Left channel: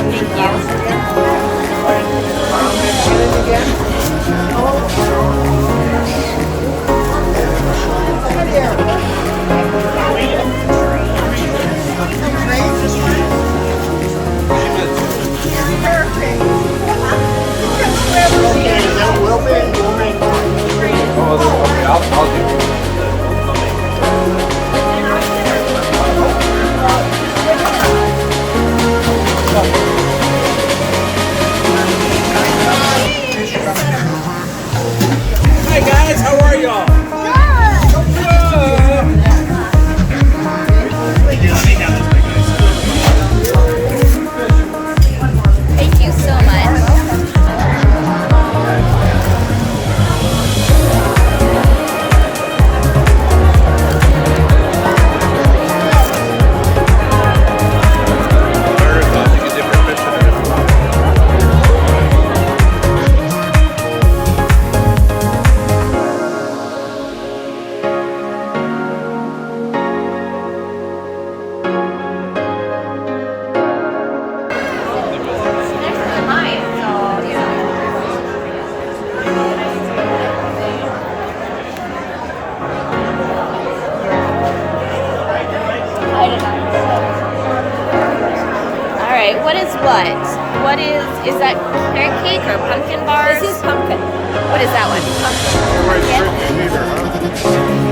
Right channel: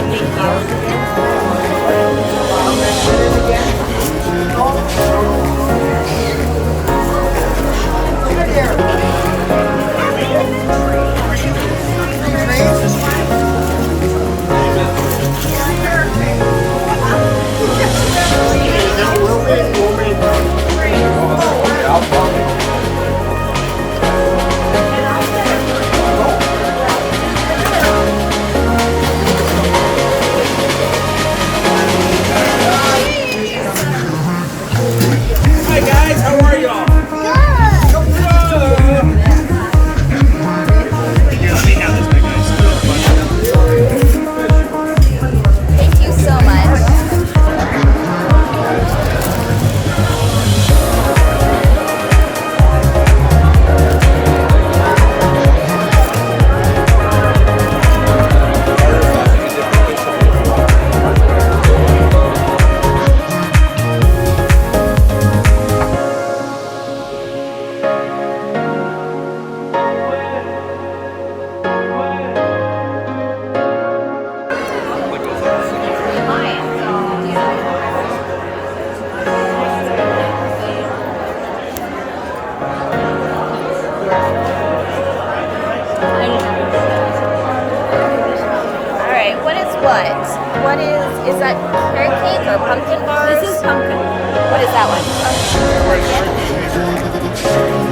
great, thank you. Hi guys, how are y'all? Thank you so much. Alright, what is what? Is that carrot cake or pumpkin bars? Pumpkin. What is that one? Pumpkin?